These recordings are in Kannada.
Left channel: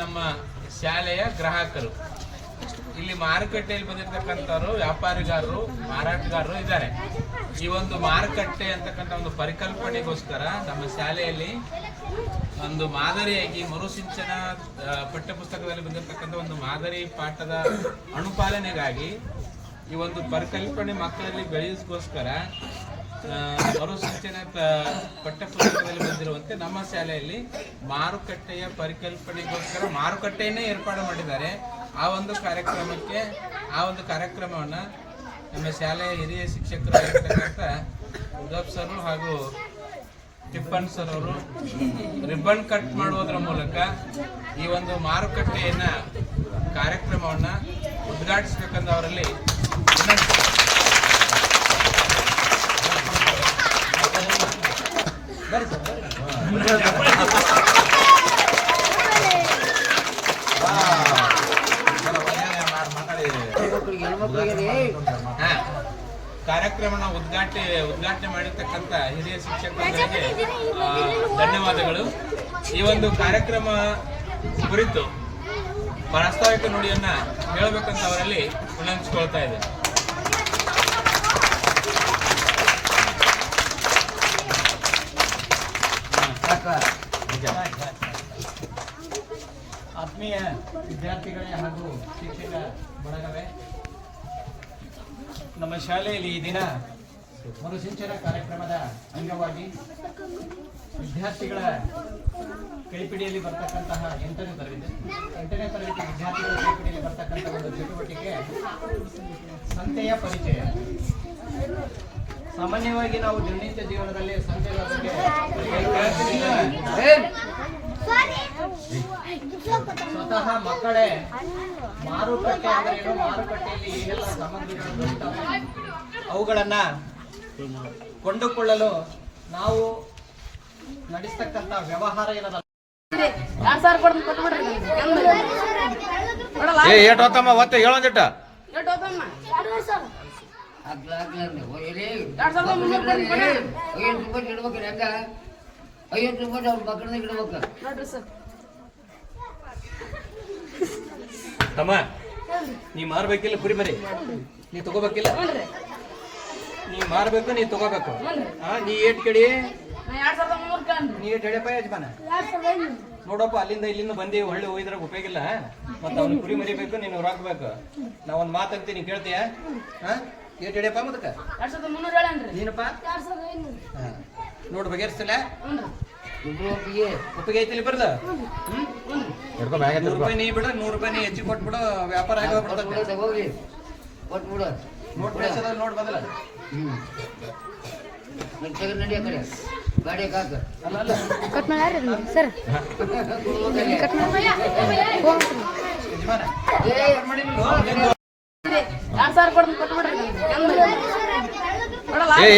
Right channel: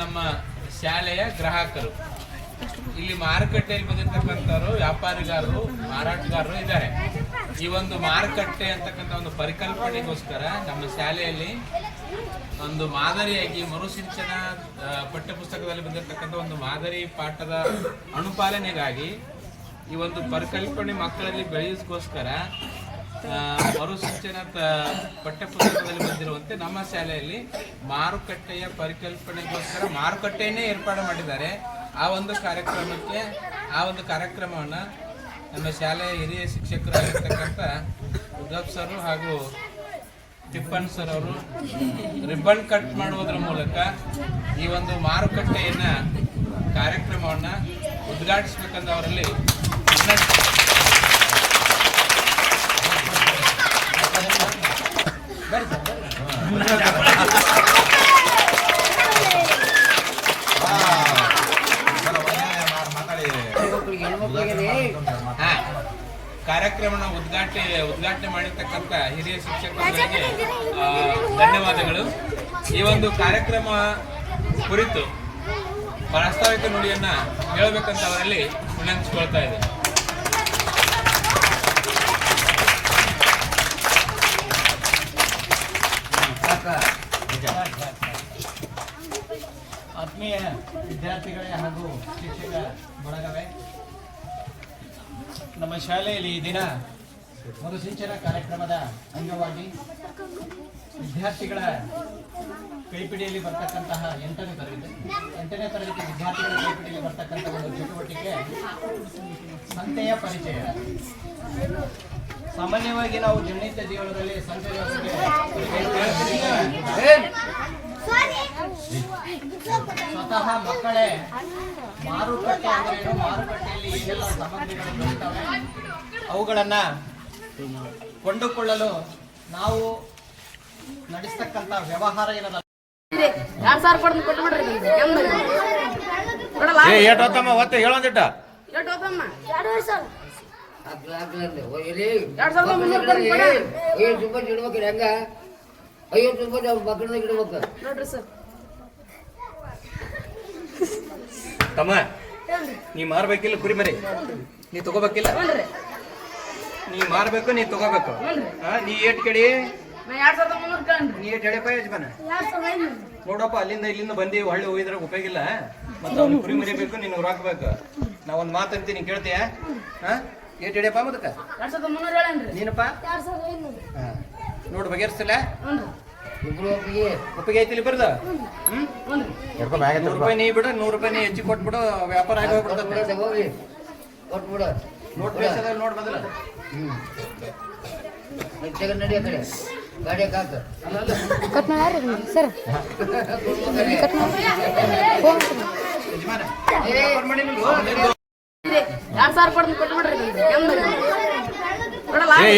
ನಮ್ಮ ಶಾಲೆಯ ಗ್ರಾಹಕರು. ಇಲ್ಲಿ ಮಾರುಕಟ್ಟೆಯಲ್ಲಿ ಬಂದಿರತಕ್ಕಂಥವ್ರು ವ್ಯಾಪಾರಿಗಾರರು, ಮಾರಾಟಗಾರರು ಇದ್ದಾರೆ. ಈ ಒಂದು ಮಾರುಕಟ್ಟೆ ಅಂತಕ್ಕಂಥ ಒಂದು ಪರಿಕಲ್ಪನೆಗೋಸ್ಕರ ನಮ್ಮ ಶಾಲೆಯಲ್ಲಿ ಒಂದು ಮಾದರಿಯಾಗಿ ಮರುಸಿಂಚನ ಪಠ್ಯಪುಸ್ತಕದಲ್ಲಿ ಬಂದಿರತಕ್ಕಂಥ ಒಂದು ಮಾದರಿ ಪಾಠದ ಅನುಪಾಲನೆಗಾಗಿ ಈ ಒಂದು ಪರಿಕಲ್ಪನೆ ಮಕ್ಕಳಲ್ಲಿ ಬೆಳೆಸೋಸ್ಕರ ಮರುಸಿಂಚನ ಪಠ್ಯಪುಸ್ತಕದಲ್ಲಿ ಬಂದಿರುವಂತೆ ನಮ್ಮ ಶಾಲೆಯಲ್ಲಿ ಮಾರುಕಟ್ಟೆಯ ಪರಿಕಲ್ಪನೆಗೋಸ್ಕರ ಮಾರುಕಟ್ಟೆಯನ್ನೇ ಏರ್ಪಾಡು ಮಾಡಿದ್ದಾರೆ. ಆ ಒಂದು ಕಾರ್ಯಕ್ರಮವನ್ನು ನಮ್ಮ ಶಾಲೆಯ ಹಿರಿಯ ಶಿಕ್ಷಕರಾಗಿರ್ತಕ್ಕಂಥ ಉದ್ದಪ್ ಸರ್ ಹಾಗೂ ಟಿಪ್ಪನ್ ಸರ್ ಅವರು ರಿಬ್ಬನ್ ಕಟ್ ಮಾಡುವುದರ ಮೂಲಕ ಈ ಒಂದು ಮಾರುಕಟ್ಟೆಯನ್ನ ಕಾರ್ಯಕ್ರಮವನ್ನು ಉದ್ಘಾಟಿಸಬೇಕಂತ ಅವರಲ್ಲಿ ಕಾರ್ಯಕ್ರಮನ ಉದ್ಘಾಟನೆ ಮಾಡಿರ್ತಕ್ಕಂಥ ಹಿರಿಯ ಶಿಕ್ಷಕರಿಗೆ ಧನ್ಯವಾದಗಳು. ಈ ಒಂದು ಕಾರ್ಯಕ್ರಮ ಕುರಿತು ಪ್ರಾಸ್ತಾವಿಕ ನುಡಿಯನ್ನ ಹೇಳಬೇಕಂತ ಅವರಲ್ಲಿ ವಿನಂತಿಸಿಕೊಳ್ತಾ ಇದ್ದೇನೆ. ಆತ್ಮೀಯ ವಿದ್ಯಾರ್ಥಿಗಳೇ ಹಾಗೂ ಶಿಕ್ಷಕ ಬಳಗವೇ, ನಮ್ಮ ಶಾಲೆಯಲ್ಲಿ ಈ ದಿನ ಮರುಸಿಂಚನ ಕಾರ್ಯಕ್ರಮದ ಅಂಗವಾಗಿ ವಿದ್ಯಾರ್ಥಿಗಳ ಕೈಪಿಡಿಯಲ್ಲಿ ಬರ್ತಕ್ಕಂತಹ 8ನೇ ತರಗತಿ ವಿದ್ಯಾರ್ಥಿಗಳ ಕೈಪಿಡಿಯಲ್ಲಿ ಬರ್ತಕ್ಕಂಥ ಒಂದು ಚಟುವಟಿಕೆ ಸಂತೆಯ ಪರಿಚಯ. ಸಾಮಾನ್ಯವಾಗಿ ನಾವು ದಿನನಿತ್ಯ ಜೀವನದಲ್ಲಿ ಸಂತೆಯ ಬಗ್ಗೆ ಸ್ವತಃ ಮಕ್ಕಳೇ ಮಾರುಕಟ್ಟೆ ಅಂದ್ರೇನು, ಮಾರುಕಟ್ಟೆಯಲ್ಲಿ ಏನೆಲ್ಲ ಸಾಮಗ್ರಿಗಳು ಬರುತ್ತವೆ, ಅವುಗಳನ್ನ ಕೊಂಡುಕೊಳ್ಳಲು ನಾವು ನಡೆಸ್ತಕ್ಕಂಥ ವ್ಯವಹಾರ ಏನದ ತಮ್ಮ, ನೀ ಮಾರ್ಬೇಕಿಲ್ಲ ಕುರಿ ಮರಿ, ನೀ ತಗೋಬೇಕಿಲ್ಲ, ನೀ ಮಾರ್ಬೇಕು, ನೀ ತಗೋಬೇಕು. ನೀ ಏಟ್ ಕಡಿ ನೀ ಏಟ್ ಎಡೆಪ ಯಜಮಾನ ನೋಡಪ್ಪ, ಅಲ್ಲಿಂದ ಇಲ್ಲಿಂದ ಬಂದಿ ಹೊಳ್ಳಿ ಹೋಗಿದ್ರೆ ಉಪಯೋಗ ಇಲ್ಲ. ಮತ್ತೆ ಅವ್ನು ಕುರಿ ಮರಿಬೇಕು, ನೀನು ಹಾಕ್ಬೇಕು. ನಾ ಒಂದ್ ಮಾತಂತೀನಿ ಕೇಳ್ತೀಯ? ಏಟ್ ಎಡೆಪ ಮುದಕ ನೀನಪ್ಪ ನೋಡು ಬಗೆಹರಿಸಲ್ಲ. ಒಪ್ಪಿಗೆ ಐತಿಲಿ ಬರ್ದು ₹100 ನೀ ಬಿಡು, ₹100 ನೀ ಹೆಚ್ಚಿಗೆ ಕೊಟ್ಬಿಡು, ವ್ಯಾಪಾರ ಆಗಿ ಹೋಗ್ಬಿಡ್ತದೆ. ನೋಟ್ ಬಂದಿಲ್ಲ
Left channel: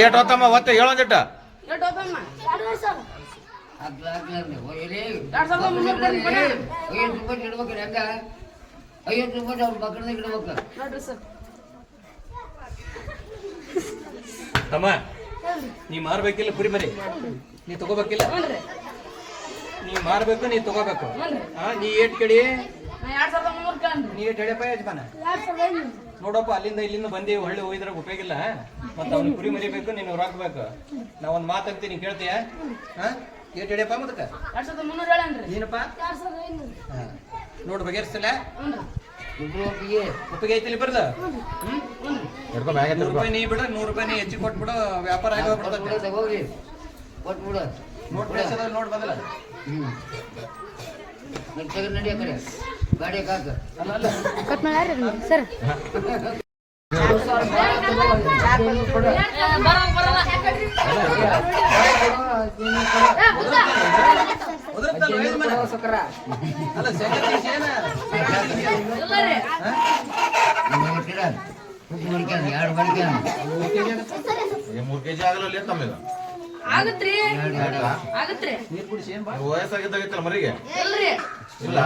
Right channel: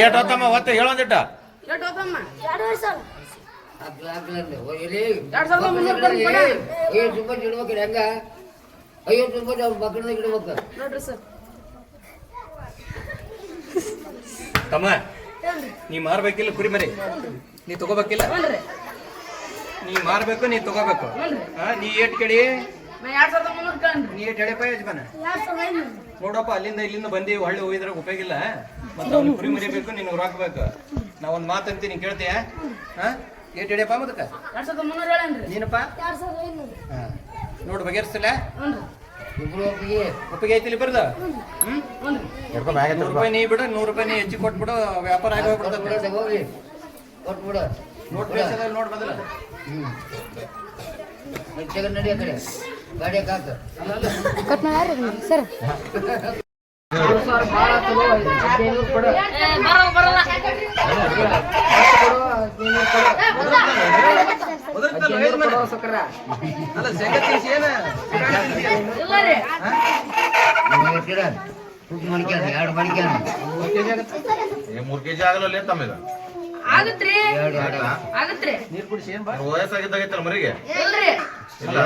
ಏಟೋತಮ್ಮ ಒತ್ತೆ ಹೇಳೊಂದಿಟ್ಟ ತಮ್ಮ, ನೀ ಮಾರ್ಬೇಕಿಲ್ಲ ಕುರಿ ಮರಿ, ನೀ ತಗೋಬೇಕಿಲ್ಲ, ನೀ ಮಾರ್ಬೇಕು, ನೀ ತಗೋಬೇಕು. ನೀ ಏಟ್ ಕಡಿ ನೀ ಏಟ್ ಎಡೆಪ ಯಜಮಾನ ನೋಡಪ್ಪ, ಅಲ್ಲಿಂದ ಇಲ್ಲಿಂದ ಬಂದಿ ಹೊಳ್ಳಿ ಹೋಗಿದ್ರೆ ಉಪಯೋಗ ಇಲ್ಲ. ಮತ್ತೆ ಅವ್ನು ಕುರಿ ಮರಿಬೇಕು, ನೀನು ಹಾಕ್ಬೇಕು. ನಾ ಒಂದ್ ಮಾತಂತೀನಿ ಕೇಳ್ತೀಯ? ಏಟ್ ಎಡೆಪ ಮುದಕ ನೀನಪ್ಪ ನೋಡು ಬಗೆಹರಿಸಲ್ಲ. ಒಪ್ಪಿಗೆ ಐತಿಲಿ ಬರ್ದು ₹100 ನೀ ಬಿಡು, ₹100 ನೀ ಹೆಚ್ಚಿಗೆ ಕೊಟ್ಬಿಡು, ವ್ಯಾಪಾರ ಆಗಿ ಹೋಗ್ಬಿಡ್ತದೆ. ನೋಟ್ ಬಂದಿಲ್ಲ ಸರ್ ಮೂರ್ ಕೆಜಿ ಆಗಲ್ಲ ತಮ್ಮಿಲ್ಲ ನೀರ್ ಕುಡಿಸಿ ಏನ್ ವಯಸ್ಸಾಗಿದ್ದಾಗೈತಲ್ಲ ಮರಿಗೆ ಇಲ್ಲ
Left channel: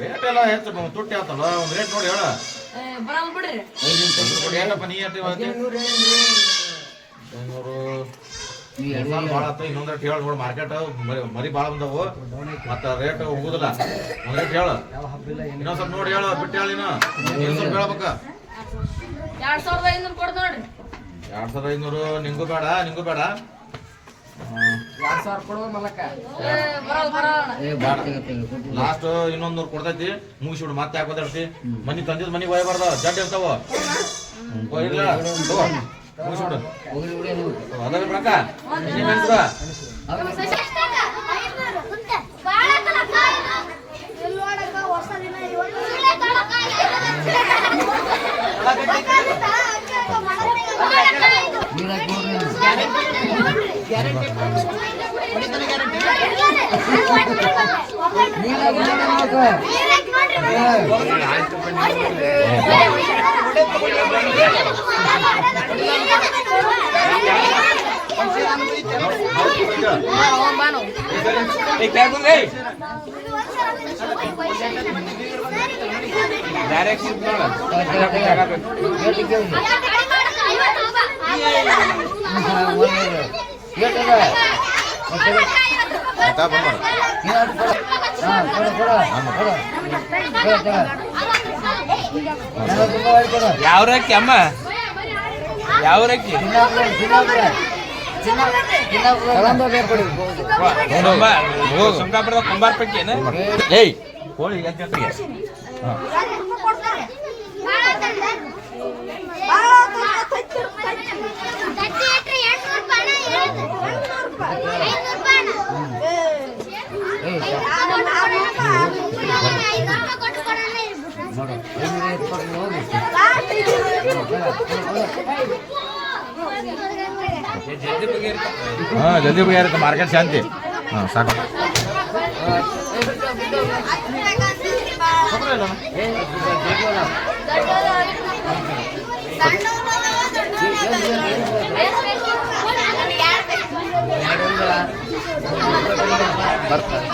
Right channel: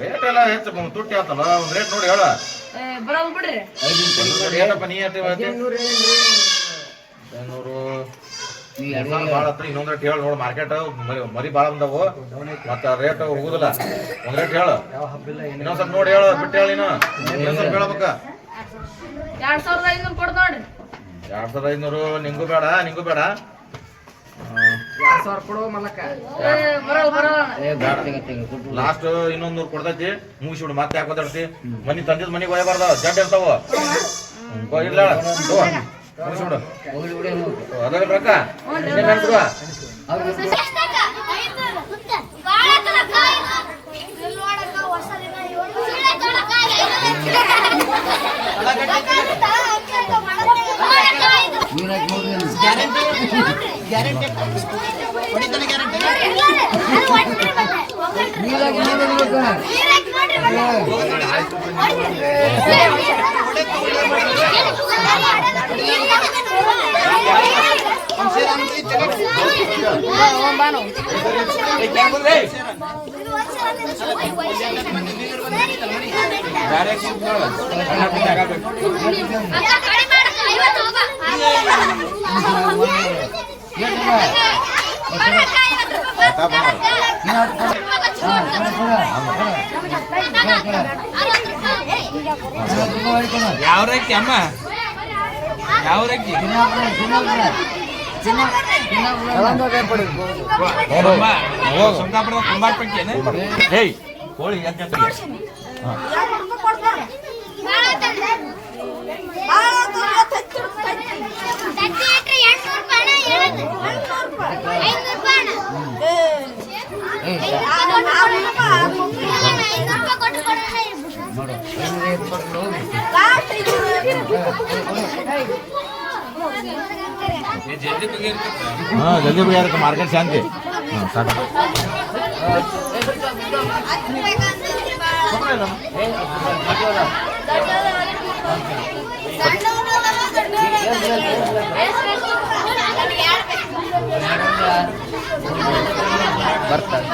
ರೇಟ್ ಎಲ್ಲ ಹೆಚ್ಚು ತುಟ್ಟಿ ಆತಲ್ಲ, ಒಂದ್ ರೇಟ್ ನೋಡಿ ಹೇಳ. ಏನಪ್ಪ ನೀ ಭಾಳ ಹತ್ರ ಇನ್ನೊಂದ್ ರೇಟ್ ಹೇಳಿ ನೋಡಿ ಮಾರ್ಕೆಟ್ ಮರಿ ಭಾಳ ಬಂದವು ಮತ್ತ ರೇಟ್ ಹೋಗುದಿಲ್ಲ ಒಂದ್ ರೇಟ್ ಹೇಳು ಇನ್ನೊಂದ್ ಸ್ವಲ್ಪ ನೋಡಿ ಹೇಳು ಬಿಟ್ಟು ಹೇಳಿ ಇನ್ನೊಂದ್ ಸ್ವಲ್ಪ ಹೇಳ್ಬೇಕ 2500 ಕೊಡ್ ನೋಡ್ರಿ 2500 ನಿಂಗೂ ಬೇಡ 2000 ಕೊಡು ಮಲಕ ಲಾಸ್ಟ್ ಇನ್ನೊಂದ್ 100 ಕೊಡ್ತೈತಿ ಮುಗಿಸ್ಬಿಡು ಮತ್ತೆ ಯಾಕೆ ಬದಾಡ್ತಿ ಮನಿ ತಂದಿದ್ ಮನಿಗೆ ಹೋಯಬಾರ್ದ ಜಡ್ ಇರ್ತಾವ ಇಲ್ಲ ಮುಗಿಸ್ಬಿಡು ಅದಾಗ ರೊಕ್ಕ ನಿನ್ನೆ ಅನ್ಬಿಡು ಗ್ಯಾರಂಟಿ ಹೊಡಿತಾನೆ ಗ್ಯಾರಂಟಿ ಯಾವ ರಕ್ಕಿ ಅಮ್ಮ ಯಾವ ರಕ್ಕಿ ಸೊಂಕಾಪುರದ ಕುಂಬಾರ ಪೈಕಿ ಏಯ್ ಕೋಳಿ ಯಾಕೆ ಜಲ್ದಿ ಬಗೆಹರುತ್ತೆ ಮಾರ್ಕೆಟ್ ಶಾಂತಿ ಸಾಕು ಬರ್ತಾರೆ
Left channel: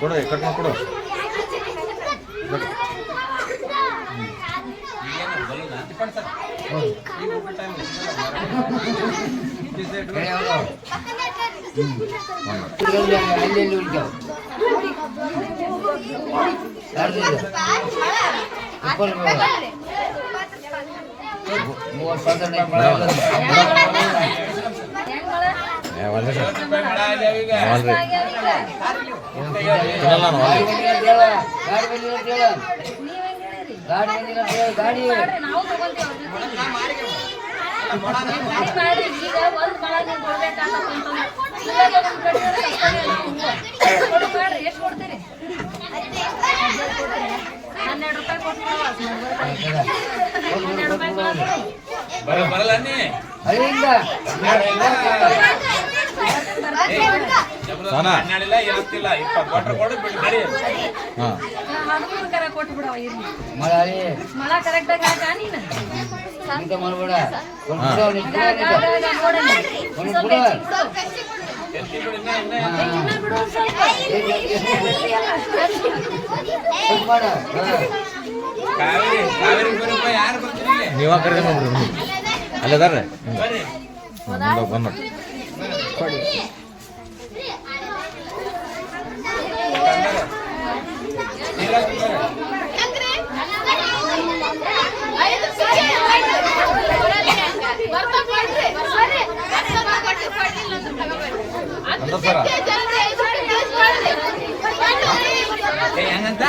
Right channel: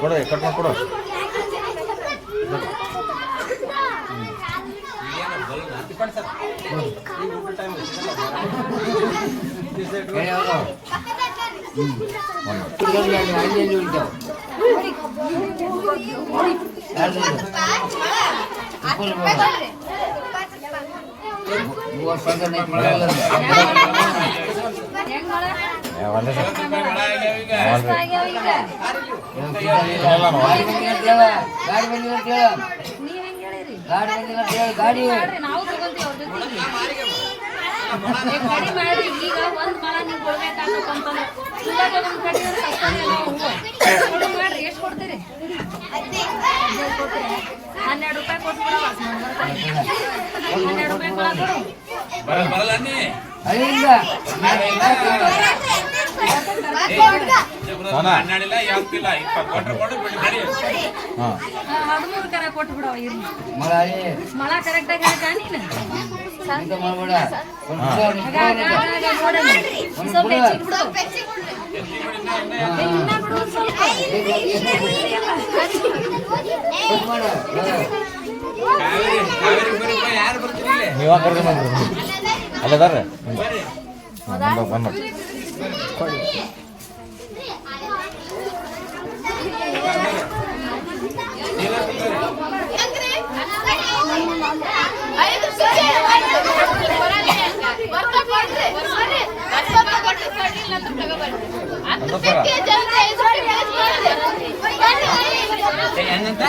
ಕೊಡು ಕಟ್ ಮಾಡಿ ಕೊಡು ಈಗ ಒಂದ್ ಮಳ ನೀವು ಕೊಡ್ಬೇಕಾಗತ್ತಂತಂದ್ರೆ ಮಾಡ್ರಿ ಎಷ್ಟು ಕೊಡ್ತೀರಿ 12 ರೂಪಾಯಿ ಕೊಟ್ಬಿಡವ 12 ರೂಪಾಯಿ ಬರಲ್ಲ ಹನ್ನೆರಡಿಲ್ಲ ಯಾವ್ದಿಲ್ಲ 20 ಕೊಟ್ರು ಕೊಡು ಬಿಡಿ ಬಿಡಿ 13 ಕರ ಕೊಟ್ಬಿಡವ ಇರ್ಲಿ ಮಳ ಕರೆಕ್ಟಾಗಿ ಹಾಕ ನೀನು ನೀವ ಕರ್ಕೊಂಡು ಅಲ್ಲದಾರ ಬಂದ ಹೆಂಗಂತ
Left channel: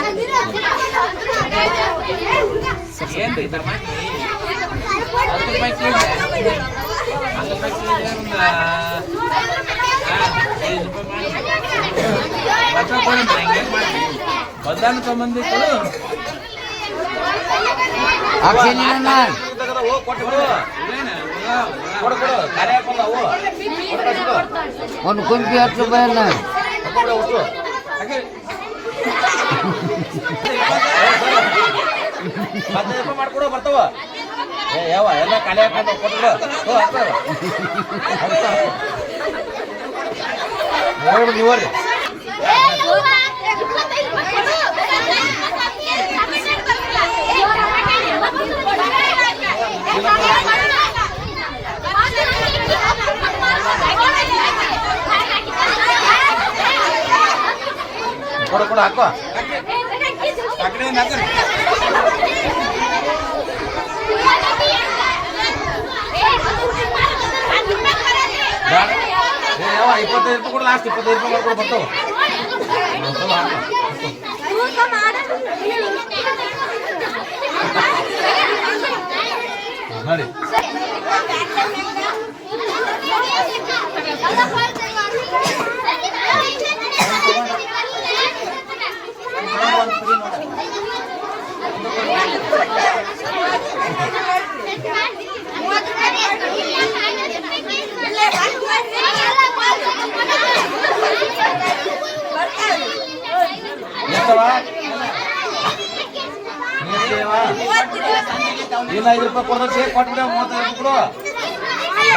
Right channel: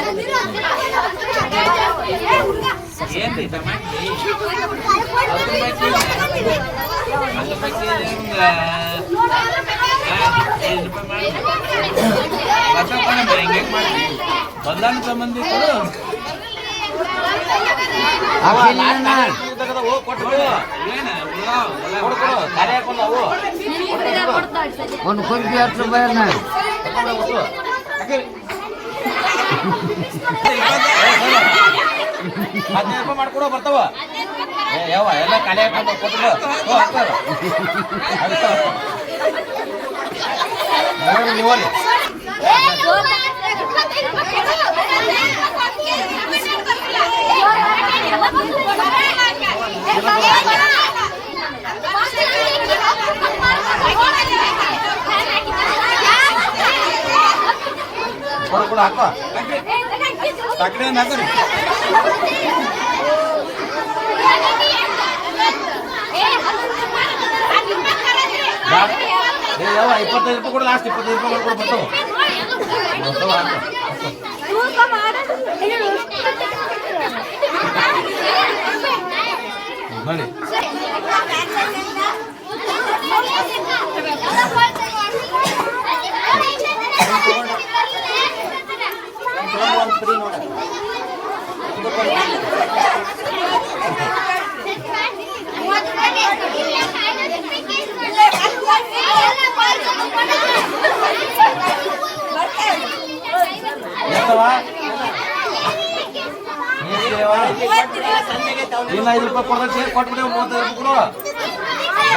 ಏನ್ರಿ 10 ರೂಪಾಯಿ ಕೆಜಿ 10 ರೂಪಾಯಿ ಕೆಜಿ ಮಾಡಿ ಬದಲಾನು ಸಂಬಂಧಿ ಕೊಡು ಒಂದು ಕೊಂಚಿ 10 ರೂಪಾಯಿ 15 ರೂಪಾಯಿ ಮಾಡ್ಕೊಡೋ ಬರ್ತಾವ ಯಾವ ಎಲ್ಲ ಖಾಲಿ ಹಾಕೊಂಡು ಕೊಟ್ಬಿಡು ನೀವ್ರಿ ಕೊಡು ಕೊಡು ಹಾಕೋ ಯಾವ 25 ರೂಪಾಯಿ ಕೊಡು ಲಾಸ್ಟ್ 25 ರೂಪಾಯಿ ಮಾಡ್ಕೊಡು ಬರ್ತಾವ ನೋಡಿ ಇಲ್ಲ 5 ರೂಪಾಯಿ ಕೊಡೋಕೆ ಕೊಟ್ಬಿಟ್ಟೆ 35 ಕೊಡು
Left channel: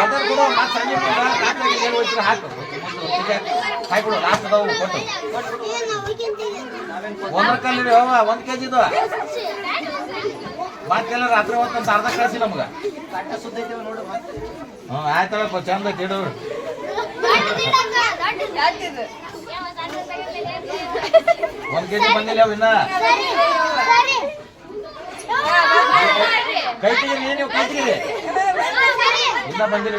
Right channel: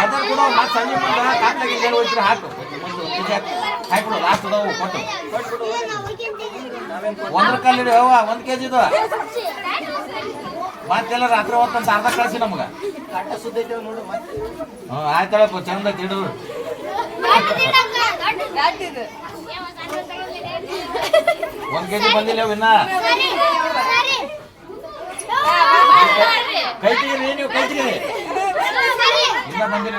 ಅದೇ ಕೊಡು ಮತ್ತೆ ಸಂಜೆ ಕಾಟ್ಲಾಗಿ ಏನು ಹೋಯ್ತು ಹಾಕು ಹಾಕ್ಬಿಡು ಲಾಸ್ಟ್ ಅದಾವು ಕೊಟ್ಟು ಒಂದ್ರ ಕಲ್ಲಿಡಿ ಹವ 1 kg ಇದು ಮತ್ತೆಲ್ಲ ರಾತ್ರಿ ಹೊತ್ತಂತ ಅರ್ಧ ಕಳಿಸಿ ನಮ್ಗೆ ಹ್ಞೂ ಆಯ್ತಲ್ಲಪ್ಪ ಚಂದ ತಿಡು 1 kg ಬಂದಿಲ್ಲ ಇನ್ನ ಕೈ ತೆಗೀರಿ ನೀವು ಕೈ ತೆಗೀರಿ ಇನ್ನ ಬಂದಿರಿ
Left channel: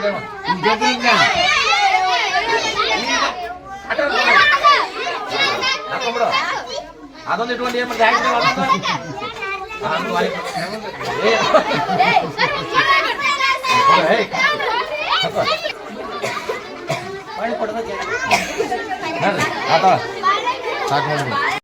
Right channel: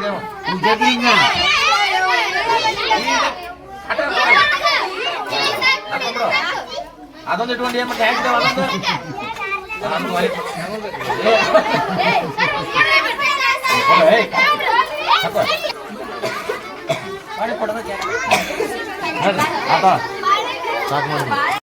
ಹಾಕೊಂಡ್ಬಿಡು ಅದೊಂದು ಇಟ್ಕೊಂಡು ಏನ್ ಮತ್ತೆ ಮಾಡಿ ಕೊಡ್ಬೇಕು ಸಾಕು ಮಾಡಿ